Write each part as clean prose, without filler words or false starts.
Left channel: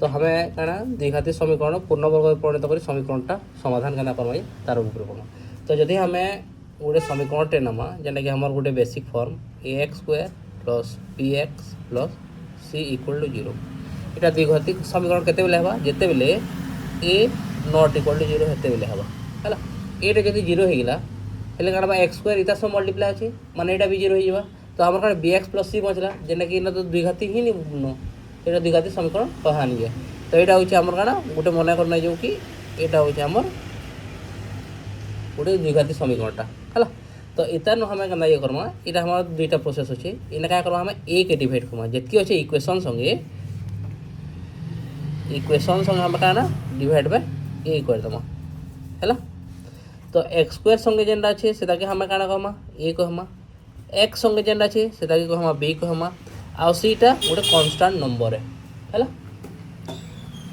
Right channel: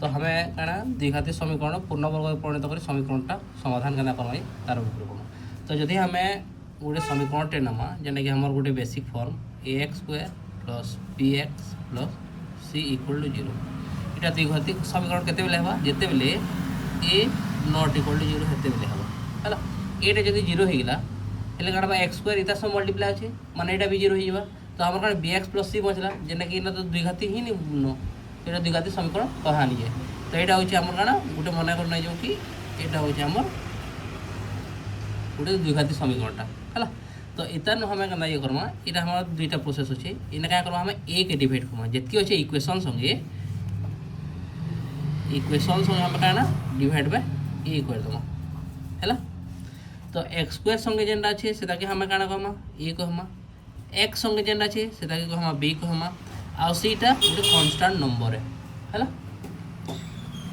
तो हमें कहना द्विघाती समीकरण पूर्ण वर्ग परिणत कर समीकरणटा समाधान करना करमा तार उपरे करमा। तो जदि हमें गोटे समीकरणटे नमा जेनटा कि हमर गोटे basic form ax square plus bx plus c equal to 0 इटा द्विघाती समीकरण केते बेले हबा जेते बेले a नॉट इक्वल टू 0 हेते बेले हबा हला। एटा जदि 0 हो गला हेले काना x स्क्वायर इता सब मल्टीप्लाई अछि माने एटा भी 0 हो जिबा। तो हमर काना bx प्लस c बचला जेना कि इना तो द्विघाती ही नि न एटा द्विघाती समीकरण कहानी है। तो यहाँ हूँ आमर काना गोटे मन करना जो कि यहाँ हूँ आमर गोटे द्विघाती समीकरणटा है। तो इतार हमें क्या ये करमा यहाँ हमार दुईटा प्रोसेस अच्छे इना क्या करमा हमें ए के डिवाइड करमा जितकी अच्छे इक्वेशन संगे हमें क्या डिवाइड बाय ए कर दमा है। तो एक्स स्क्वायर संगे जेनटा अच्छे से हमें क्या कहमा ए कहमा एक्स संगे जेनटा अच्छे से कहमा बी कहमा आ सीटा गोटे कन्स्टांट नंबर है।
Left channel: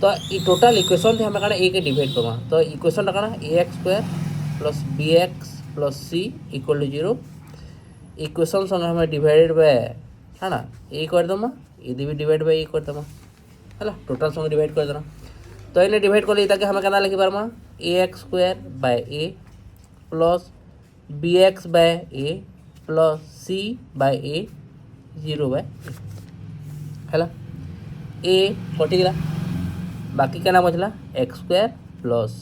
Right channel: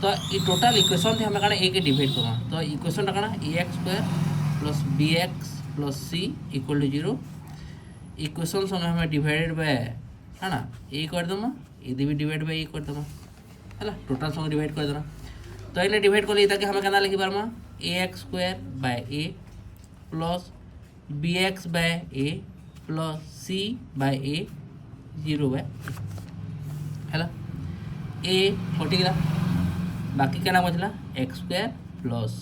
तो ये टोटल इक्वेशन थे हमें क्या ए के डिवाइड करमा। तो इक्वेशन क्या A x square plus B X plus C equal to 0 equation संगे हमें डिवाइडेड बाय है ना ए कर दमा यदि भी डिवाइड बाय ए कर दमा है टोटल संगे डिवाइड कर देना। तो इन्हें डिवाइड कर लिए हमें क्या लिखी पारमा a x square by a plus B x by a plus c by a 0 by है ए कटिगला बाकी क्या बचला x square plus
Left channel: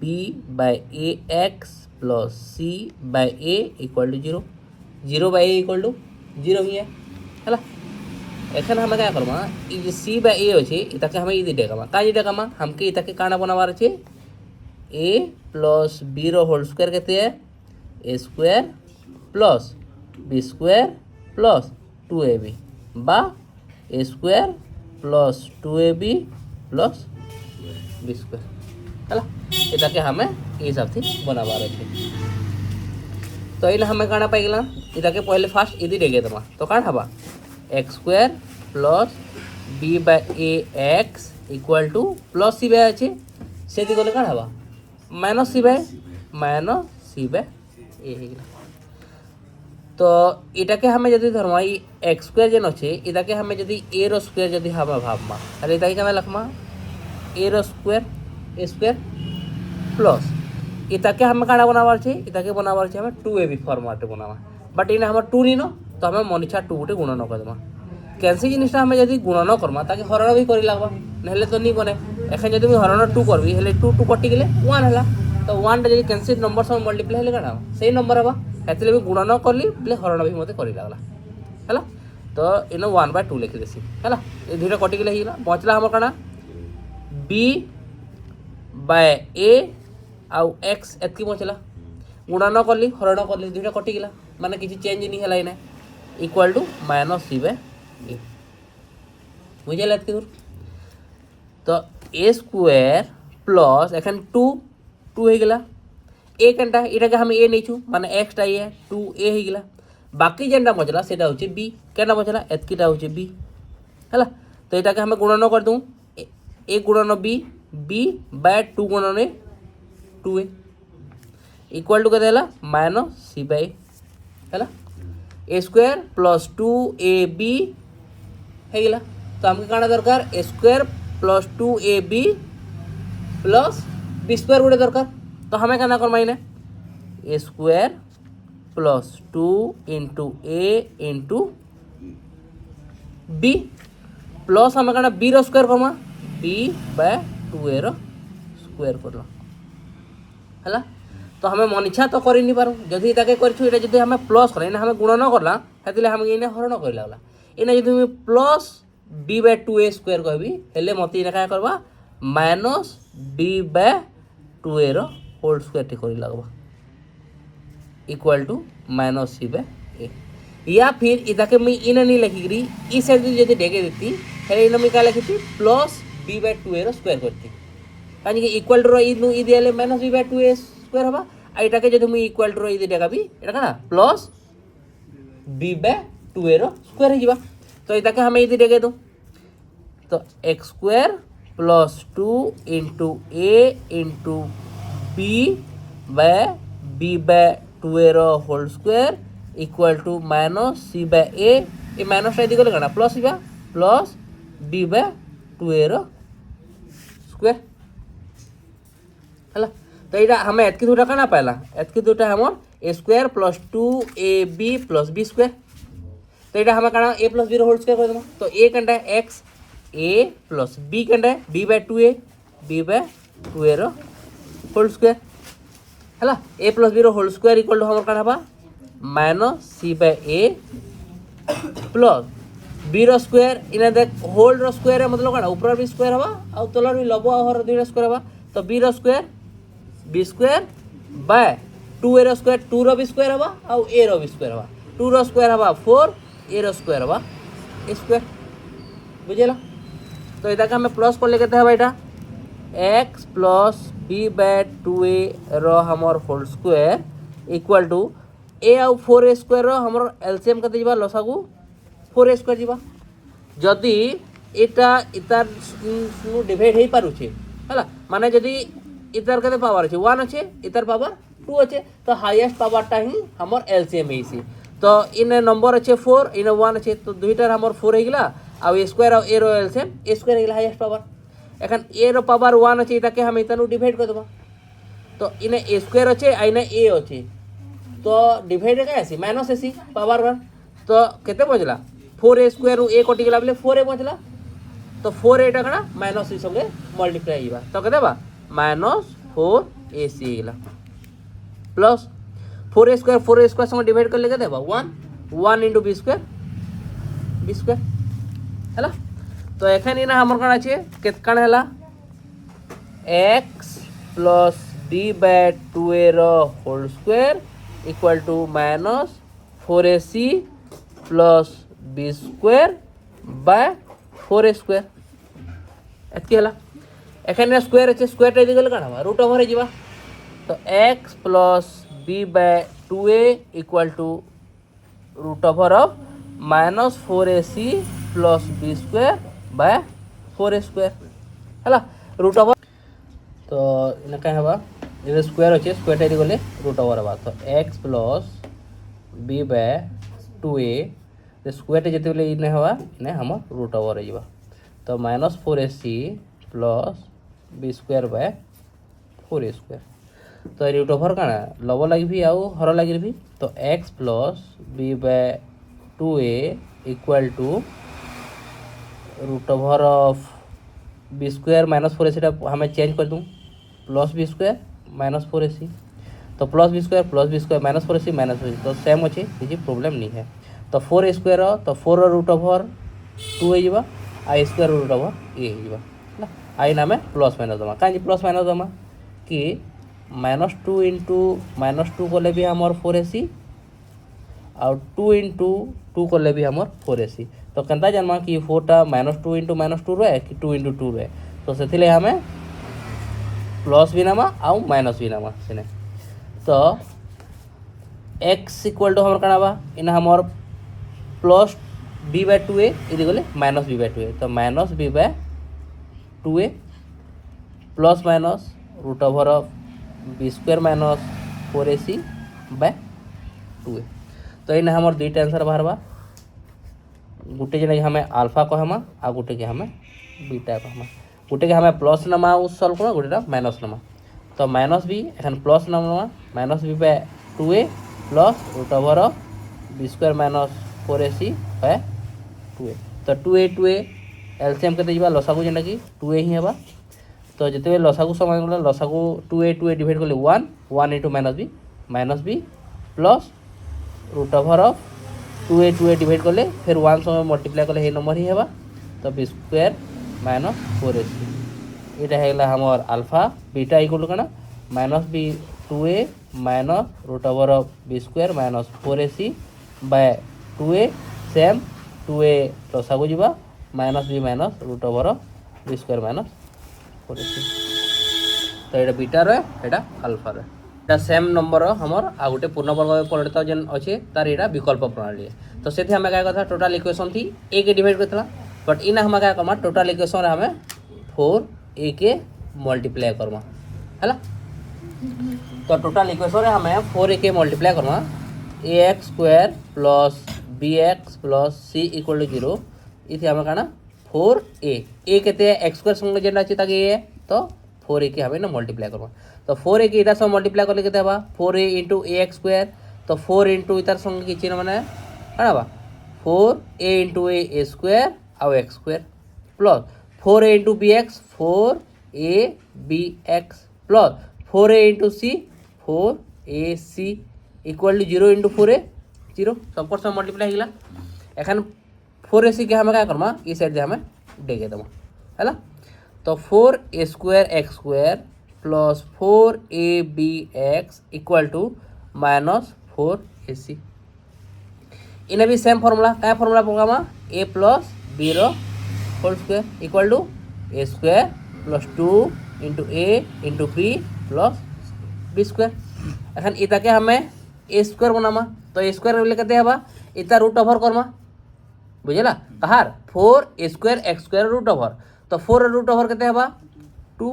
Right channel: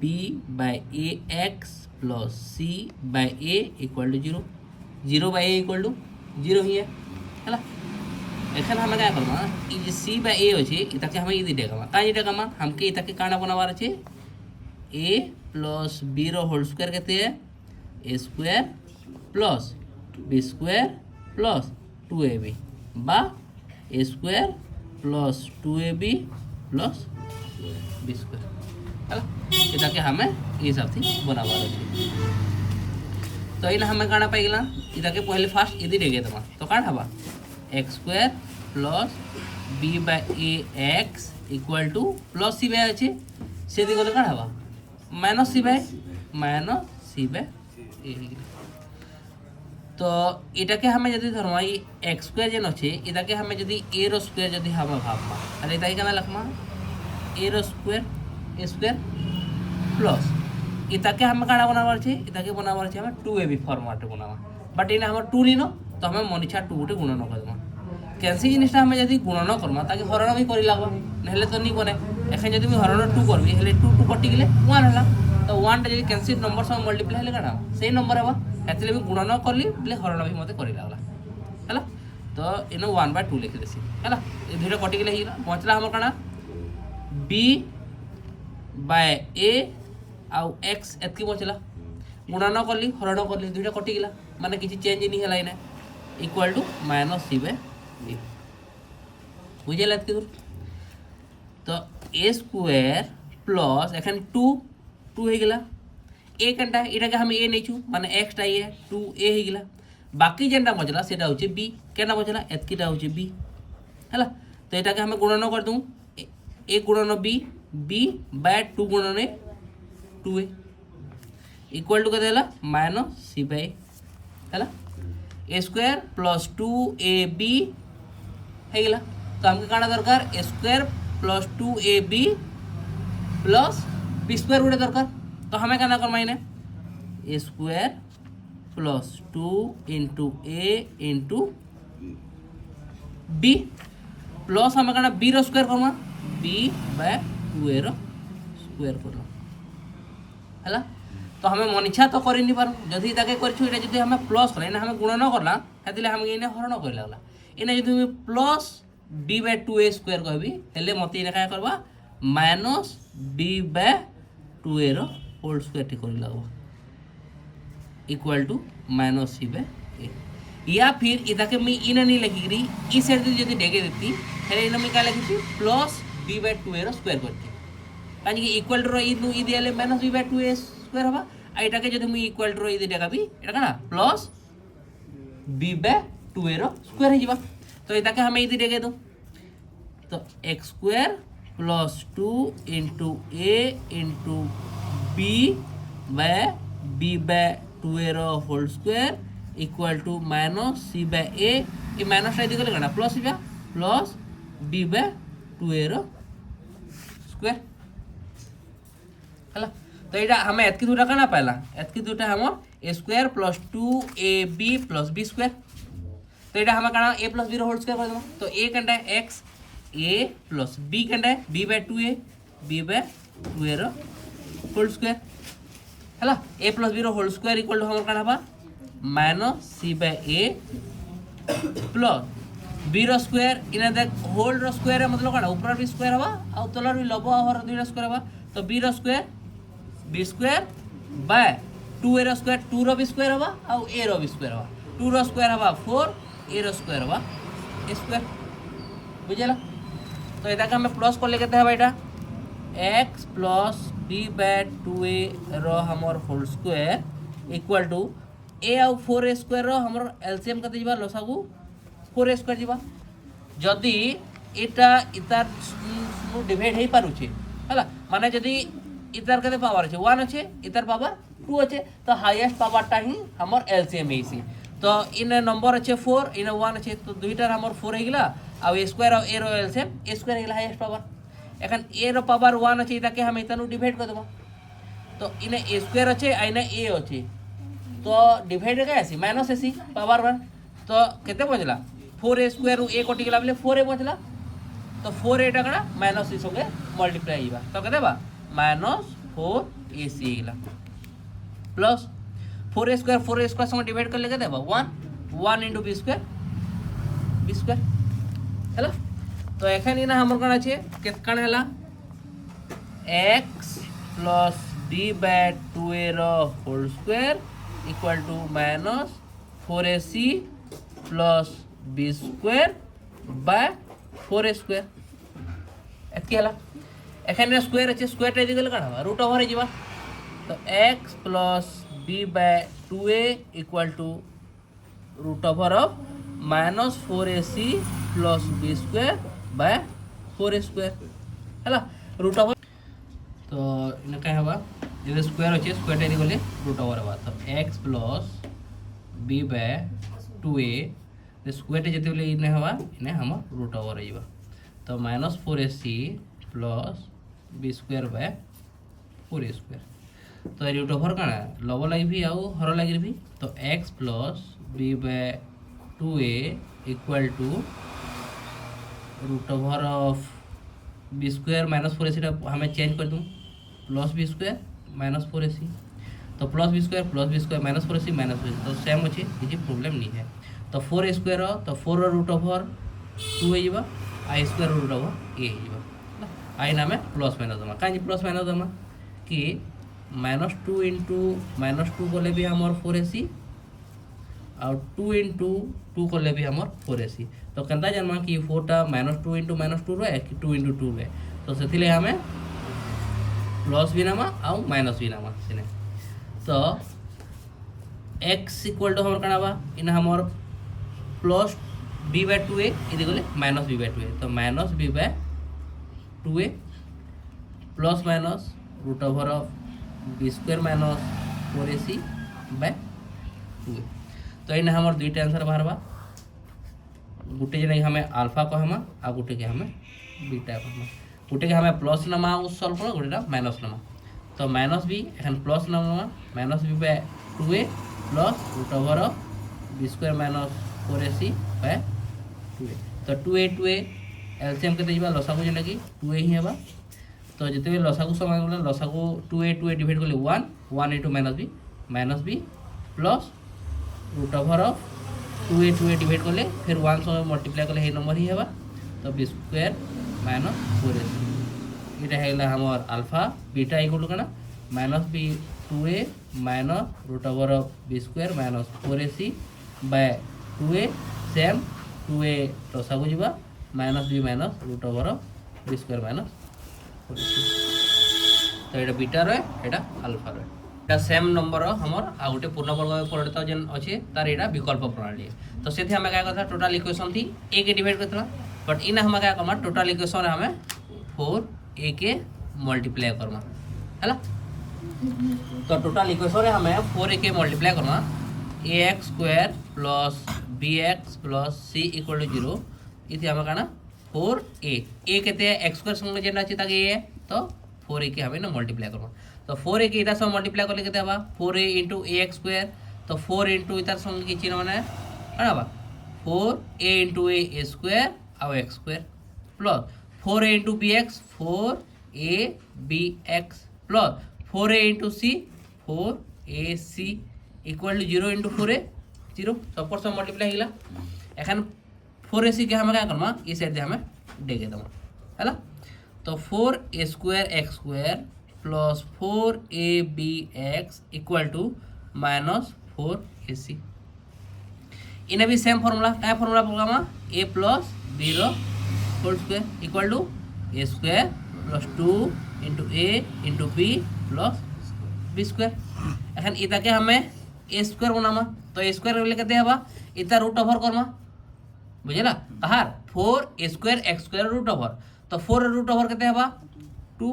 B by a x plus c by a equal to 0 0 by a equal to 0 भी है एखन हमें क्या करमा ये सी बाय ए अच्छे इताके हमें ये डेकामा कहीं डेकामा हमके इताके काना बनावार अच्छे ए प्लस बी रो होल स्क्वायर कहते हैं a square plus B square plus 2ab बा a square plus 2ab plus B square है इताके हमें ये हिसाब से बनावार अच्छे। तो ये हमें काना पाइगला इताके पहले फास्ट यदि डेगे दमा तो काण हबा x square plus B by a x equal to plus c by अच्छे से गले काण हबा माइनस सी बाय ए। तो इटाके हमें जदि धरमा एक्स स्क्वायर जेन अच्छे इताके हमें जदि ए रो स्क्वायर जदि हमें भाबमा अरे इताके क्या लखमा ए रो स्क्वायर ए स्क्वायर प्लस इताके हमें काଣା बनावार छे इताके बनावार छे हमें 2ab फॉर्मेट बनावा बट इना हमें 2 नी न तो हमें मनिछा 2 गुटे गुणन करदमा कैंसी जिनिसटा हमें जदि गुणन करमा ताकि हरण भी करि लागो नहले तो नी बने एखन जदि मैं हरण 2 करबी हेले 2 2 कटि गेले 1 हला। तो 1 टा जदि कैंसी नंबर सब मल्टीप्लाई हेले काଣା सही नंबर हबा एतले भी गुणन करली बोले हरण भी मते करि लागला हला। तो इन 1/2 लिखि देसी हला ए दुईटा कटि गेले हिला बचला हमर काଣା बी बाय ए आउ एक्स एतकी बचला गुणन करली हरण करली दुईटा कटि गेला माने किछि चेंज नहीं हला इने equal to minus c by a बुझेला एतकी दूर। तो ए स्क्वायर प्लस एखन 2 2 हो गेला ए केनटा इटाके हम ए नहीं छु माने एक्स टा ए 2 ए हो गेला बाकी जेनटा बचला सेटा होचे बी केना बचला एतकीटा होचे बी हला। तो इटाके हम गुणन कर दूं ए गुणन बी बी बाय 2 गुणन ए 2a इक्वल टू के देला माइनस सी बाय है ए स्क्वायर प्लस 2ab है गेला। तो हमके काना दरकार a square plus 2ab plus B square गुटे दरकार। तो हमें क्या करमा इने a square plus 2 into a into b plus हमें क्या बी रो स्क्वायर करमा बी बाय 2a रो स्क्वायर करलो है। तो हमें मन इच्छा तो कर नहीं पारू जदि ताके करछु एटा जदि हमें प्लस करा इने हमें गुणन करला हेतिले हम इने हरण कर लागला इने जदि मैं plus b bye 2a square कहबी हेले मते इने का करबा माइनस b बाय 2a रो होल स्क्वायर टी करि लागबा equal to minus c by a या फिर इताके मैं इने नहीं लिखिरी ई साइड जदि डेगे देती हेले इने मैं का लिखिती प्लस b बाय 2a रो स्क्वायर करती कानी कि इक्वल टू इ दियाले minus b bye 2a square हबा आइटाके जदि मैं इक्वल टू इ देखाबी एटा काना प्लस b बाय 2a रो स्क्वायर हिबा। तो इताके हमें इदि देखे दो तो x square plus 2 into a into b by b bye 2a रो whole square equal to minus c by a ये माइनस टा इदि गले काना प्लस हिबा प्लस b बाय 2a रो स्क्वायर है। तो यहाँ हमें एतकी दूटा क्या पाला एतकी दूटा हमर a square plus 2ab plus B square. तो यहाँ हमें क्या a plus b whole square कर देना। तो ए कंटा है एक्स ए प्लस बी कंटा है b by 2a b by 2a whole square है। A plus b whole square equal to हमर क्या minus c by a plus B square इना देख होल स्क्वायर मतलब क्या ऊपर भी स्क्वायर हवा आ तलर भी लब आर दुईटा स्क्वायर हवा। तो B square by 2a square 2 रो भी स्क्वायर हवा आ ए रो भी स्क्वायर हवा 2 रो स्क्वायर हवा 4 ए स्क्वायर हवा ए स्क्वायर बुझेला। तो इधर का हमें प्लस को लेके हवा यहाँ X plus B by 2a रो हमर होल स्क्वायर इक्वल टू ए आउ 4a स्क्वायर रो हमर एलसीएम कते जीवा लसागु 4a स्क्वायर जीवा। जदि एटा इतार डिवाइड हे पारुछे हला माने जदि इतार कते पावर আছে 1 আছে इतार पावर 2 আছে तो हाईएस्ट पावरटा ही हमर एलसीएम हेसी। तो इन नंबर আছে 4 इन 1 আছে तो दुईटार हमर 4 हे गेला आ स्क्वायर आ ए रो एलसीएम ए स्क्वायर हे गेला हाईएस्ट पावर। एखन ए रो पावर 1 আছে এটাকে हम इतानु डिवाइड कर देबो। तो इन ए स्क्वायर আছে आ इन ए আছে तो डिवाइड क्या आसी माइनस एसी पावर 1 तो केते बचला 4a स्क्वायर रु ए कटि गेला बेले 4a बचला। तो 4a टा कना माइनस सी संगे मल्टीप्लाई हिबा तो केते बा माइनस 4ac गेला प्लस 4a स्क्वायर संगे डिवाइड कर ले केते बा 1 इनटू b स्क्वायर हैला। तो एखाने ना हमर कना আছে केत काण हैला x plus b bye 2a रो whole square equal to minus 4ac plus B square by 4a square एतकी हला। एखाने स्क्वायर আছে স্কয়ারটা এদিকে গেলে কাটা হবে রুট ওভার হয়ে যাবে। তো x plus b by 2a equal to root over of minus 4ac plus b square by 4a square হলা রুট ওভার। তো ইনা কাই হবা ये स्क्वायर अच्छे स्क्वायर टा गले रूट ओवर हवा। तो x plus b bye 2a square जिते बेले इन हवा इन हम रूट ओवर हो। तो minus 4ac plus B square by 4a square. तो रूट ओवर काना लब लगे भी आउ हर लगे भी। तो x plus b bye 2a equal to root over of B square minus 4ac हमें चेंज कर दूँ plus B square minus 4ac। तो plus B square minus 4ac minus 4ac तो सेम अच्छे किसी प्रॉब्लम नहीं है। तो 4a स्क्वायर तो 4 रूट ओवर 2 हो आ स्क्वायर रूट ओवर ए हो आई नाम प्लस माइनस दमा कहीं प्लस माइनस दमा कि माइनस 2 इंटू माइनस 2 कले भी हमार 4ac और 2 इंटू 2 कले भी हमार 4ac। तो केनता जानमा कि 4टा माइनस 2 इंटू माइनस 2 रहे कि 2 इंटू 2 रहे। तो से हमें प्लस भी नामा आउ माइनस भी नामा सीने। तो x इक्वल टू हमार कनाबा इन हमार प्लस b बाय 2a इधर गले माइनस b बाय 2a। तो minus b bye 2a plus minus root over of b square minus 4ac by 2a। तो इन हमार दुईटा आंसर बाहरबा गोटे जन हमें अल्फा कहमा आ गोटे के हमें बीटा कहमा। गोटे के हमें प्लस नमा सल्व करो गोटे माइनस नमा। तो माइनस बी एखन प्लस नमा minus B by 2a plus root over of B square minus 4ac by 2a। तो 2a एलसीएम के जा लसागु जेना कि 2a ही हेबा। तो जिते लसागु समय गला लसागु 2a डिवाइड करले 1 into minus B plus root over of 2a divide करले फिर 1 समय मल्टीप्लाई करले हे नंबर ही हेबा। तो बी स्क्वायर माइनस 4ac इटा है हमार अल्फा बीटा इक्वल टू कना minus B 2a minus root over of B square minus 4ac by 2a same 2a लसागु जीवा minus B minus root over of B square minus 4ac। तो ये beta रहे एटा alpha रहे एटा same number हमर आ गोटे पूर्णवर्ग परिणत जेन अच्छे तार एटा विकल्प प्रणाली है। तो से हमें क्या कथा टोटल इक्वेशन थी a के डिवाइड करता बट इन हमें क्या करमा टोटल इक्वेशन हमें 4a के मल्टीप्लाई करमा है। तो टोटल इक्वेशन हमें 4a के मल्टीप्लाई करमा ax square plus bx plus c equal to 0 इथे हमें कहना 4a कहते हैं एक्स स्क्वायर संगे जेन अच्छे ताकि ए तो 4a के हमें ना मल्टीप्लाई करवा तो 4a के इधर संगे मल्टीप्लाई कर लेते हवा 4a इंटू ए एक्स स्क्वायर तो 4 इंटू इधर संगे की चिन्ह मैंने है ना 4a इंटू ए स्क्वायर और X square plus 4a into B X 4a B X plus 4a into C 4ac equal to 0 into 4a 0 सबको सब मल्टीप्लाई होगा एखन 4ac के हमें क्या करमा इस साइड दे हमें डेगे दमा है ना तो 4a square X square plus 4ab X equal to minus 4ac इन्हें भी सेम फॉर्मूला क्या formula program a plus b रो whole square equal to a square plus 2 into a into b plus b square एखन इताके हमें a square बनामा तो a square बोले कहते हैं इतना रूट ओवर करमा बुझेला कहार 4a square X square root over तो 4 रूट ओवर कहते हैं 2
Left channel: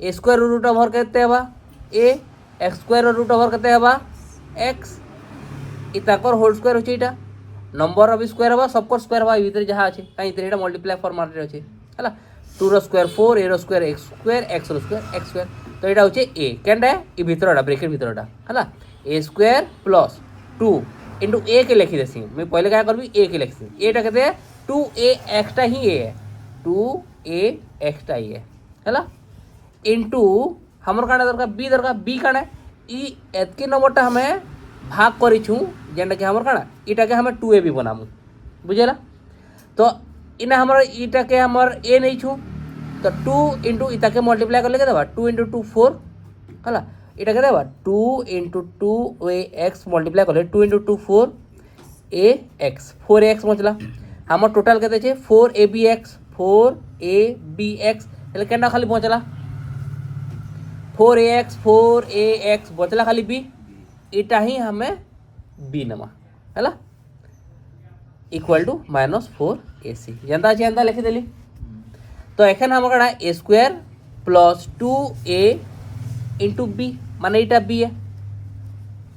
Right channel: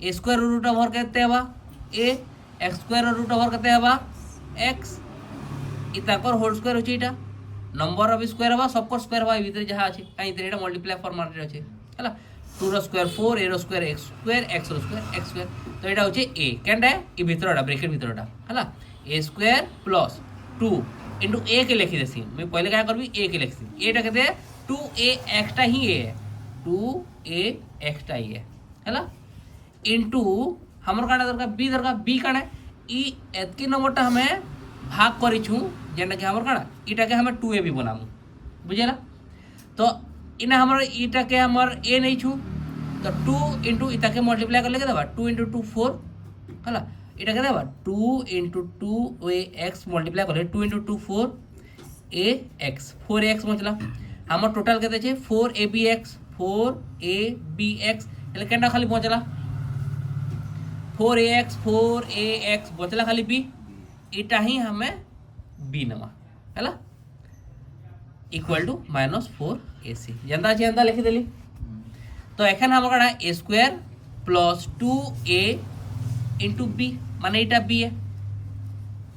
a स्क्वायर रूट ओवर कहते हैं a X square root over कहते हैं x इताकर होल स्क्वायर होचे इटा नंबर ऑफ स्क्वायर हवा सबको स्क्वायर हवा भीतर जहाँ अच्छे कहीं इतने इटा मल्टीप्लाई फॉर्मेट अच्छे है 2 रो स्क्वायर 4 a रो स्क्वायर x रो स्क्वायर x स्क्वायर तो यहाँ होचे a क्या ये भीतर ब्रेकेट भीतर है a स्क्वायर प्लस 2 इंटू ए के लिखी देसी मैं पहले क्या करबी ए के लिखी एटा कहते हैं 2a एक्स्ट्रा ही ए है 2a एक्स्ट्रा ही है इंटू हमर काटा दरकार बी काटा ई एतके नंबरटा हमें भाग करूँ जेनटा कि हमर काटा इटा के हमें 2a भी बनामु बुझेला तो इना हमारा इटा के हमर ए नहीं छू तो 2 इंटू इता के मल्टीप्लाई कर लेके देवा 2 इंटू 2 4 है এটা কে দেবা 2 इंटू 2ax मल्टीप्लाई कर 2 इंटू 2 4ax 4ax बचला हमार टोटल कहते हैं 4abx 4abx એટલે કેના ખાલી બચલા 4ax बचला खाली b এটা ही हमें b नमा हैला इक्वल टू -4ac जनता जनता लिखि देली तो एखन हमर कड़ा a square plus 2a into B माने इटा बी है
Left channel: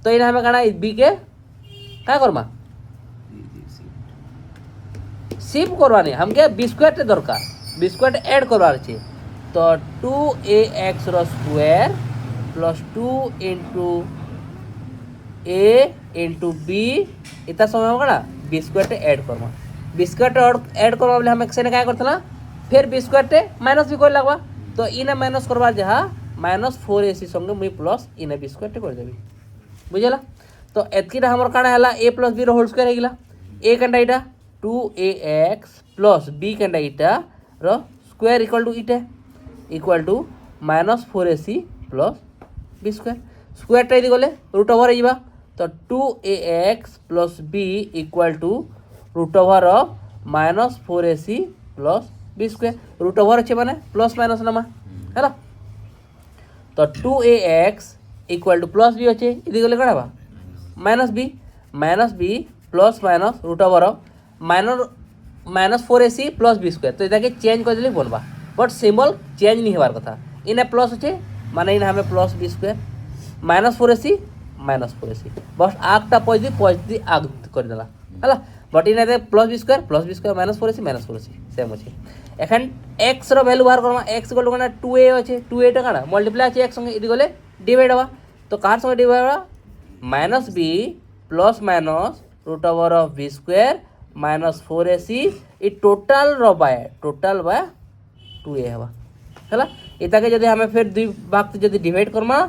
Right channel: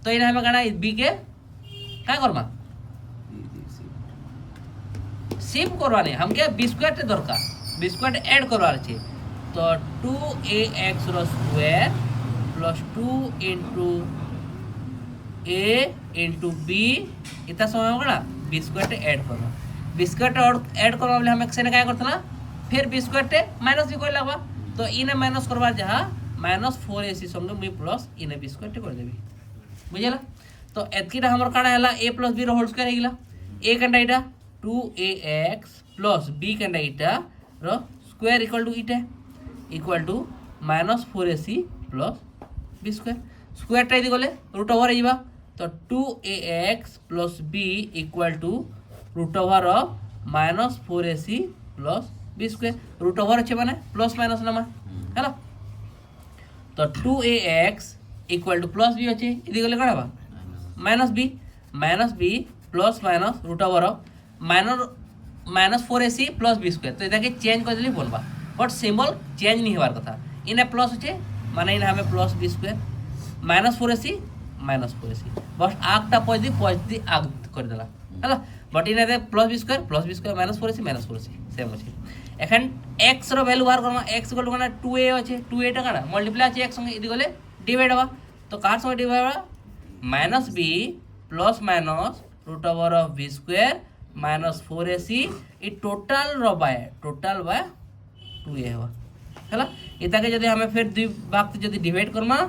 तो इन्हें हमें कहना बी के क्या करमा शिफ्ट करवाने हम क्या बी स्क्वायर दरकार बी स्क्वायर ऐड करवार चाहिए तो 2ax रो स्क्वायर प्लस 2 इंटू a इंटू बी इतना समय होगा बी स्क्वायर ऐड करवा बी स्क्वायर ऐड करवा बोले हम एक से क्या करते फिर बी स्क्वायर माइनस भी कर लगवा तो इन्हें माइनस करवा जहाँ -4ac संगे मुई प्लस इन बी स्क्वायर कर देवी बुझेला तो एतकीटा हमर काना हला a प्लस b रो होल स्क्वायर हेगिला a कंडा इटा 2ax प्लस b कंडा इटा रो स्क्वायर equal to -4ac plus b square square टा इदी गले रूट ओवर हेजिबा तो 2ax plus b equal to root over of -4ac plus b square root over अच्छे माने प्लस माइनस नमा है तो 2ax equal to plus B अच्छे इदी गले कड़ा minus B plus minus root over -4ac plus B square तो इधर चेंज कर दिले बनवा बट सिंबल चेंज नहीं हमार कथा इन्हें प्लस अच्छे माने इन्हें हमें प्लस बी स्क्वायर -4ac बस आगटा पॉजिटिव आग कर देला है बट इन्हें plus B square -4ac same अच्छे एखन एक्स रो वैल्यू बाहर Karma x equal to 2a अच्छे 2a टा काना मल्टीप्लाई अच्छे एक्स संगे इदी गले डिवाइड हवा तो कार संगे डिवाइड हवा -b plus minus root over of b square -4ac ई टोटल बाय 2a हवा हैला इताके जदि हमें फिर दुई भाग से जदि डिवाइड करमा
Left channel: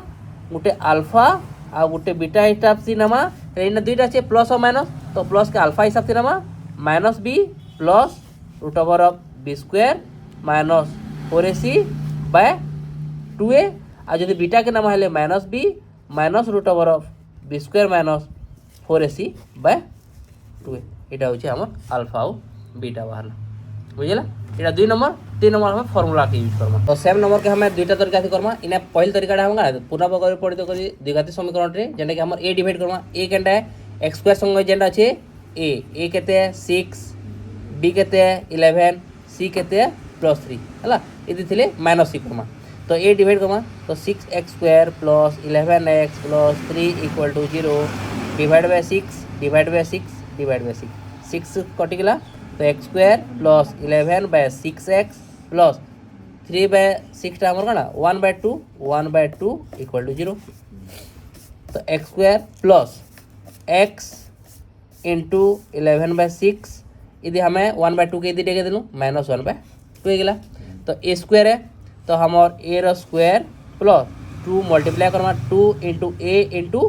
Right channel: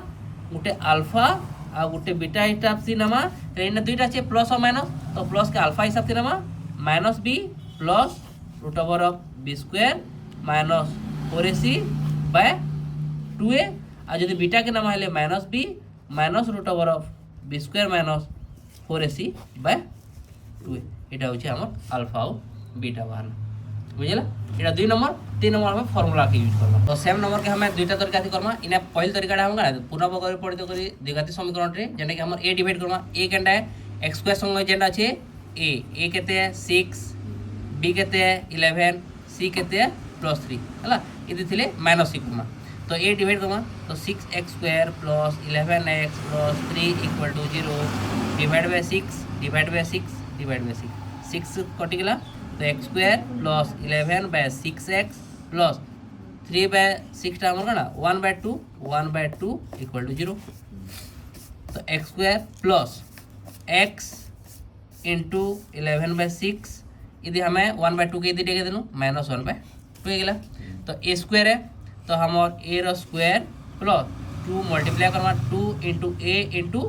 गोटे अल्फा आ गोटे बीटा हिसाब से नमा इने दुईटा अच्छे प्लस और माइनस तो प्लस के अल्फा हिसाब से नमा -b plus root over of b square -4ac by 2a और जो बीटा के नाम है -b minus root over of b square -4ac by 2a এটা হচ্ছে আমার আলফা ও बीटा बाहर बुझेला এটা 2 नंबर 3 नंबर हमें फॉर्मूला के यूज करबा और सेम नंबर के हमें दुईटा तरीका से करबा इने पहले तरीकाटा हम पुनः परिवर्तित करी द्विघाती समीकरण रे जेने कि हमर a डिवाइड करबा a केटा x स्क्वायर संगे जेंडा আছে a कहते हैं 6 b कहते हैं 11 c कहते हैं +3 है ये थे -c करमा तो a डिवाइड करमा तो 6x square plus 11x plus 3 equal to 0 divide by 6 divide by 6 divide by 6 कटिगला तो x square plus 11/6x plus 3/6 आमर कण 1/2 इक्वल टू 0। तो x square plus x into 11/6 यदि हमें 1/2 के दिए दिलूँ -1/2 गला। तो ए स्क्वायर है तो हमार ए रो स्क्वायर प्लस 2 मल्टीप्लाई करमा 2 इंटू ए इंटू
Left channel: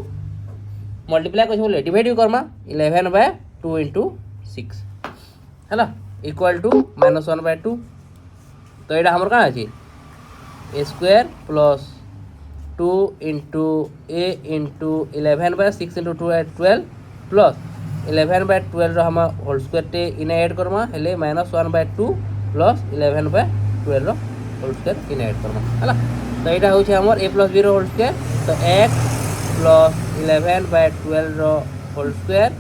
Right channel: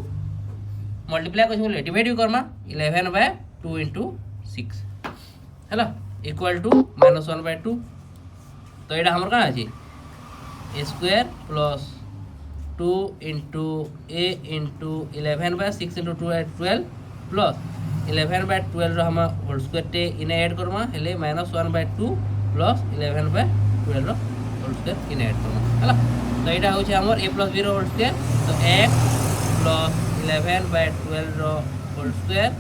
मल्टीप्लाई कर डिवाइड भी करमा 11/2 इंटू 6 है ना इक्वल टू -1/2। तो यहाँ हमारे कौन अच्छे ए square plus 2 into a into 11/6 into 2 12 plus 11/12 हम होल स्क्वायर टे इने ऐड करमा हेले -1/2 प्लस 11/12 होल स्क्वायर इने ऐड करमा है ना। तो यहाँ हूँ आम a plus b whole square. तो x plus 11/12 whole square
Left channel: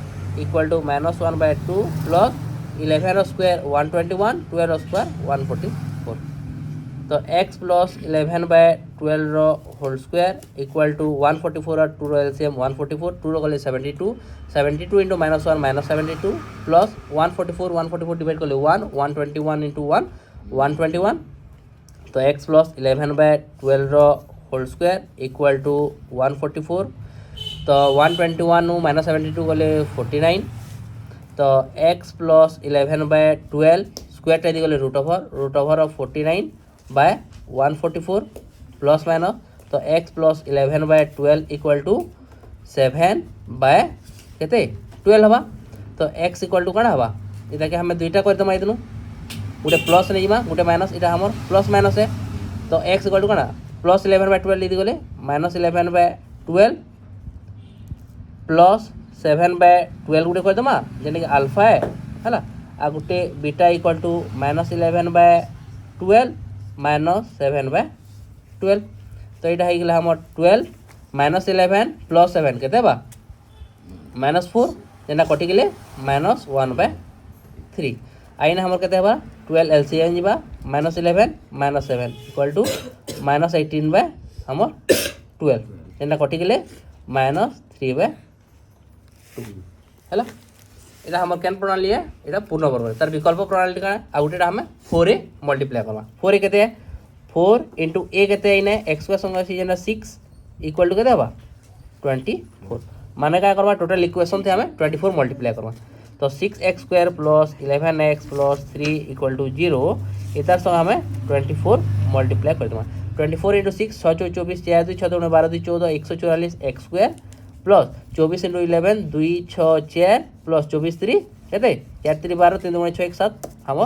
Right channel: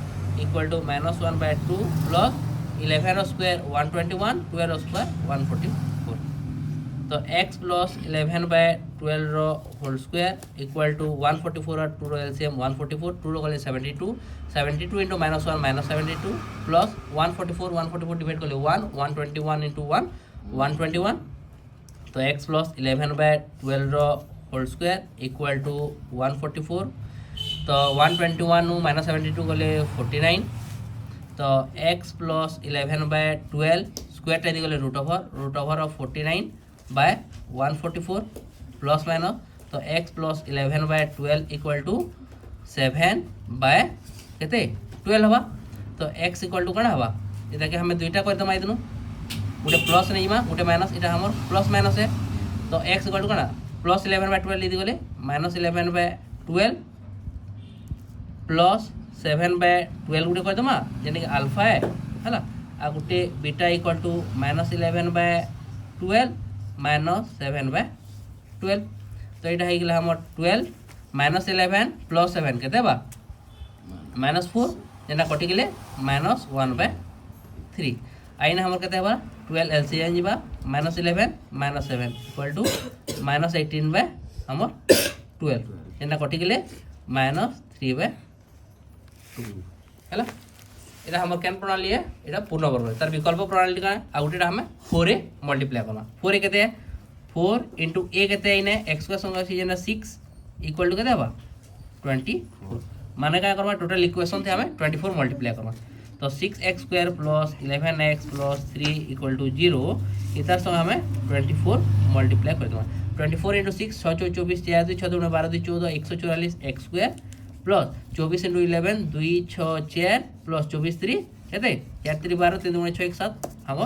equal to -1/2 plus 11 square 121 12 square 144। तो x plus 11/12 whole square equal to 144 और 2 एलसीएम 144 2 गले 72 इंटू -1 -72 प्लस 144 डिवाइड कर 121 इंटू 1 121। तो x plus 11/12 whole square equal to 144। तो 121 -72 गले 49। तो x plus 11/12 square टा गले root over of 49/144 plus minus. तो x प्लस 11/12 इक्वल टू 7/12 हवा। तो x इक्वल टू कौन हवा इटा के हमें दुईटा कर दमा दिलु गोटे प्लस नहीं जा गोटे माइनस इटा हमर प्लस माइनस है। तो x इक्वल टू कौन प्लस 11/12 दी गले -11/12 प्लस 7/12 गोटे कर दमा जेने कि अल्फा है ना आ गोटे बीटा इक्वल टू -11/12 -7/12। तो यहाँ हो गला हमर 12 -11 प्लस 7 के -4 जेना कटि गले -1/3 आईना हमर के 12 एलसीएम जीवा -11 -7 इक्वल टू -18 हमर 12 जेना कटि गले -3/2 है। এটা আমার কেন প্রণালী है এটা पूर्णवर्ग तार विकल्प प्रणाली का आ गोटे हमें 4a मल्टीप्लाई करवा 4a केते 4 इंटू a केते इने x स्क्वायर संगे अछि जेना 6 इक्वल टू केते हबा 24 माने का करवा टोटल इक्वेशन थे हमें 24 मल्टीप्लाई करवा। तो 6x square plus 11x plus 3 equal to 0 इतार संग हमें 24 मल्टीप्लाई कर देबा 24 into 6 6 24 4 2 6 2 12 2 14 144 x square plus 24 into 11 2 6 4 plus 24 3 कहते 4 3 12 3 2 6 1 7 हम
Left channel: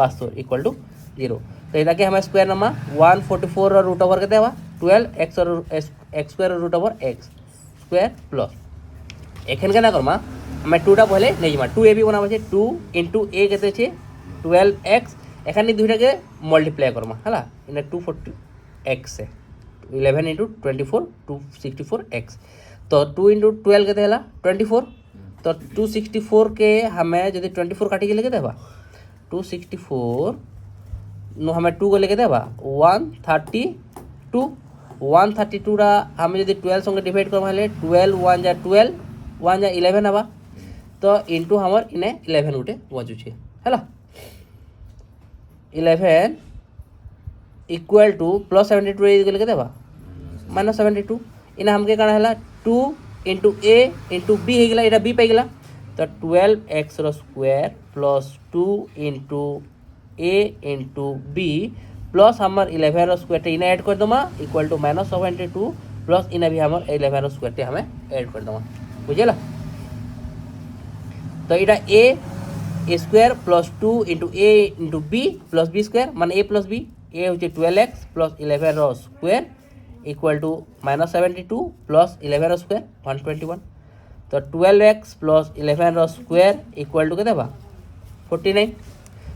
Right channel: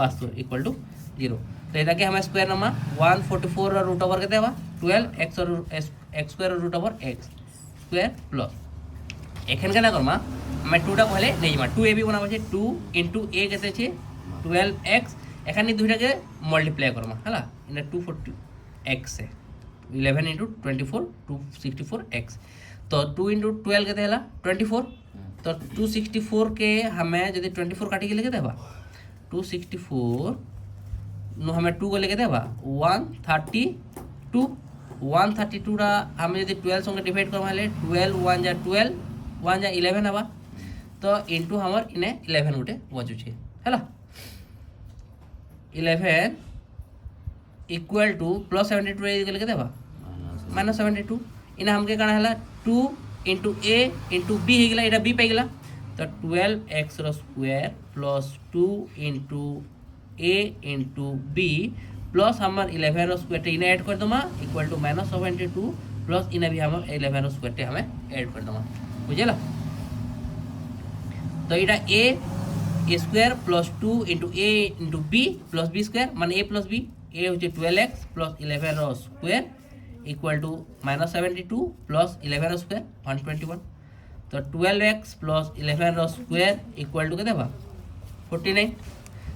72 इक्वल टू 0। तो इधर के हमें स्क्वायर नमा 144 और रूट ओवर कहते हैं 12 x और x square root over x square plus एखन के ना करमा मैं 2टा पहले नहीं जमा 2a भी बनाबा छे 2 इंटू a कहते छे 12x एखन दुईटा के मल्टीप्लाई करमा हला इने 240x है 11 इंटू 24 264x। तो 2 इंटू 12 के 24 तो 264 के हमें जब 24 काटी के लेके 264 नो हमें 2 को लेके 132 रा हमें जब 12 संगे डिवाइड कर 12 1 जा 12 1 जा 11 हवा। तो इंटू हमर इने 11 गोटे बजुचे है 11 इक्वल टू प्लस 72 लेके -72 इना हमके काना है 2 इंटू a इंटू b हो गला बी पाई गला। तो 12x square plus 2 into a into b plus हमार 11 स्क्वायर इना ऐड कर दमा इक्वल टू -72 प्लस इना भी हमार 11 स्क्वायर हमें ऐड कर दमा बुझेला। तो इटा a square plus 2 into a into b plus b square मान a प्लस b a हो 12x plus 11 square equal to -72 plus 11 square 121। तो 12x plus 11 square equal to के 49।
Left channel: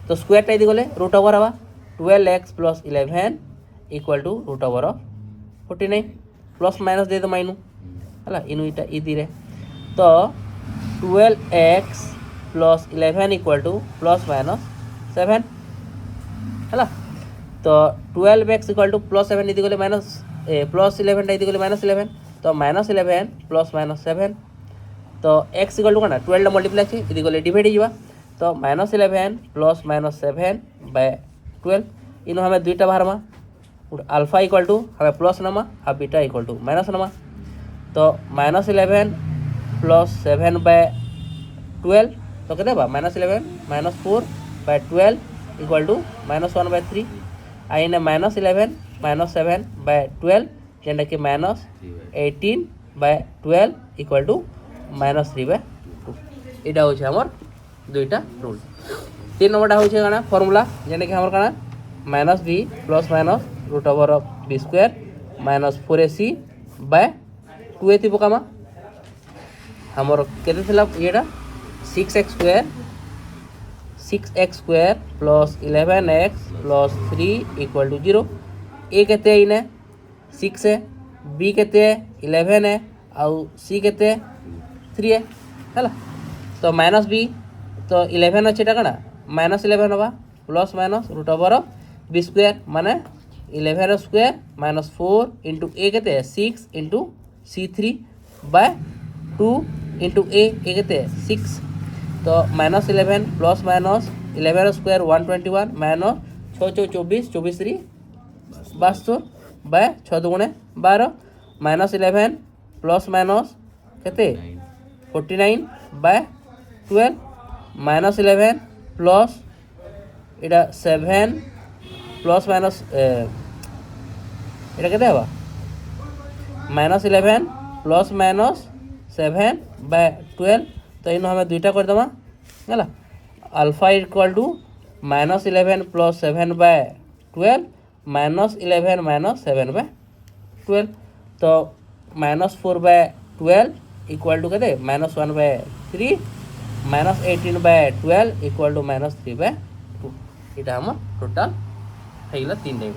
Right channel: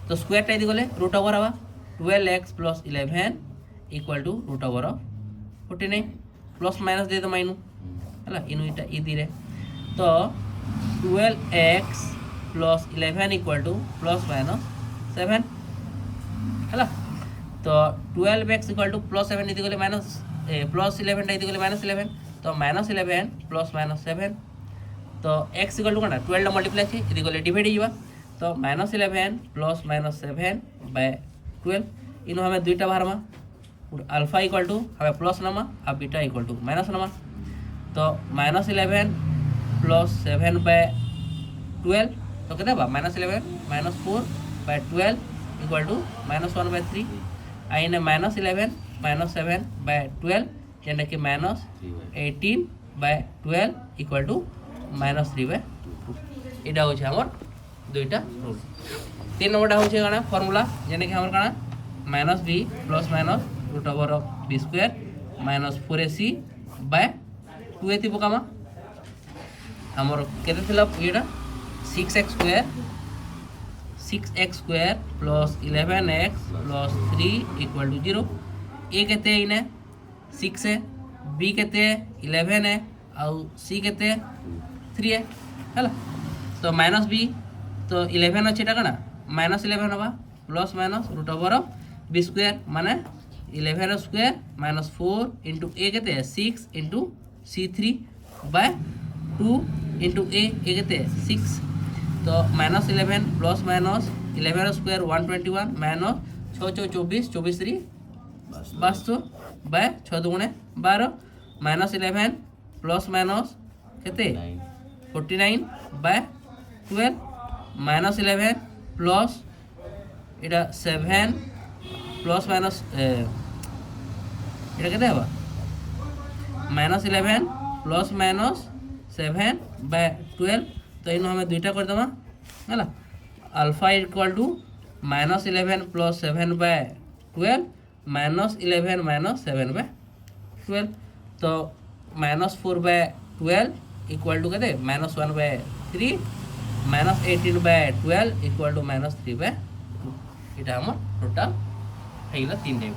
तो स्क्वायर टाइम गले रूट ओवर हवा 12x plus 11 equal to root over of 49 plus minus दे माइनू है इनू इटा इ दी रे। तो 12x plus 11 equal to plus minus 7 है। तो 12x इक्वल टू प्लस 7 दी गले माइनस प्लस 11 टाइम गले -11 तो -11 प्लस -7 तो x इक्वल टू कौन 12 मल्टीप्लाई थी यदि गले डिवाइड होगा तो -11 प्लस -7/12 इन हमें दुईटा बाहर में अल्फा इक्वल टू हमें प्लस नमा और बीटा इक्वल टू माइनस नमा तो -11 प्लस 7/12 तो कहते -11 -4/12 इक्वल टू -1/3 आईने -11 -7/12 जेनटा कि -18/12 इक्वल टू -3/2 इटा होचे हमर दुईटा रूल 3 नंबरटा होचे काना फॉर्मूला जेनटा कि हमर काना -b plus minus root over of b square -4ac/2a थी पकामा हमर केते थिला येडा 6x square plus 11x plus 3 equal to 0 a केते इने 6 है b केते 11 है आउ c केते 3 है हैला तो -b तो 11 अच्छे टाका ना -11 होगा plus minus root over of b square माने 11 स्क्वायर -4 इंटू a केते 6 इंटू c3/2 इंटू a केते 6 तो -11 plus minus 11 square 121 minus 6 4 24 24 3 62/6 दुगुणे 12 -11 plus minus केते 49/12 -11 प्लस इटा 7 प्लस माइनस इटा केते हवा -11 प्लस माइनस 7/12 तो इन हमें दुईटा कर देमा है alpha equal to -11 plus 7/12 -11 minus 7/12 तो -4/12 इक्वल टू कहते -1/3 -18/12 इक्वल टू -3/2 इटा हम टोटाल है 3 टाइप।